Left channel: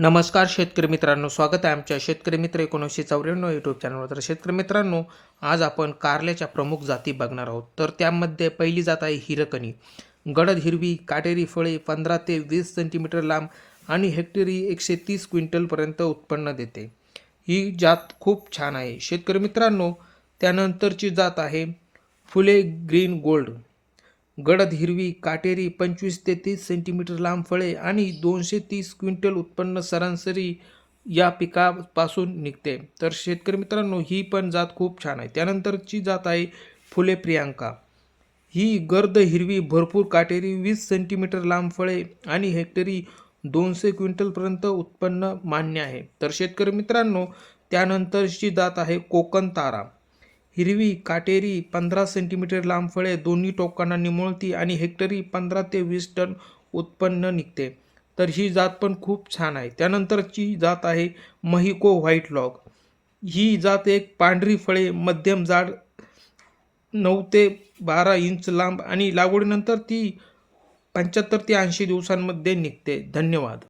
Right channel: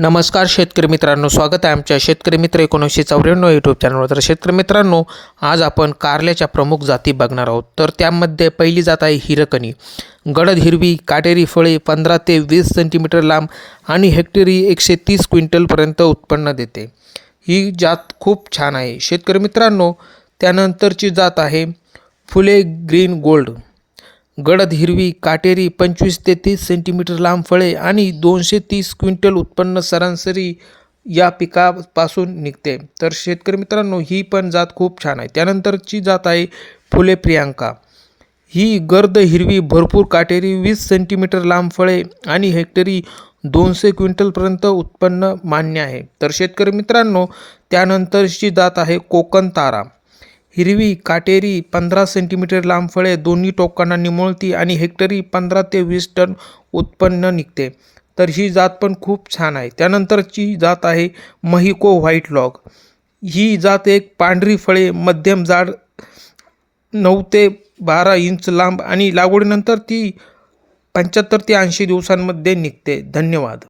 नमस्कार शेतकरी मित्रांनो, स्वागत आहे आमच्या शेतकरी मित्र 1994 यूट्यूब चॅनलवर. तर शेतकरी मित्रांनो, आज आपण कारल्याच्या प्रमुख जाती बघणार आहोत. तर त्यामध्ये पहिली जात आहे हिरकणी. गडद हिरवी काटेरी फळे 15 ते 20 सेंटीमीटर लांब आणि हेक्टरी 130 क्विंटलपर्यंत उत्पन्न देते. ही जात खूप छान आहे शेतकरी मित्रांनो. त्यानंतरची जात आहे फुले ग्रीन गोल्ड. गडद हिरवी काटेरी 25 ते 30 सेंटीमीटर लांब फळे आणि 230 क्विंटल उत्पन्न सरासरी या पिकापासून निघते. तर शेतकरी मित्रांनो, ही पण जात खूप छान आहे. त्यानंतरची जात आहे फुले प्रियांका. ही गर्द हिरवी भरपूर काटेरी 20 सेंटीमीटर लांब फळे आणि हेक्टरी 200 क्विंटलपर्यंत उत्पन्न मान्य आहे. तर शेतकरी मित्रांनो, त्यानंतरची जात आहे कोकण तारा. हिरवी काटेरी 15 सेंटीमीटर लांब फळे, दोन्ही टोकांना निमुळती आणि हेक्टरी 15 ते 20 टन उत्पन्न निघते. तर ही जात पण खूप छान आहे. त्यानंतरची जात आहे महिको व्हाईट लॉग. ही जात एक पांढरी फळे मध्यम जाड 9 ते 12 इंच लांब आणि लागवडीनंतर ती 75 ते 80 दिवसांमध्ये निघते. धन्यवाद.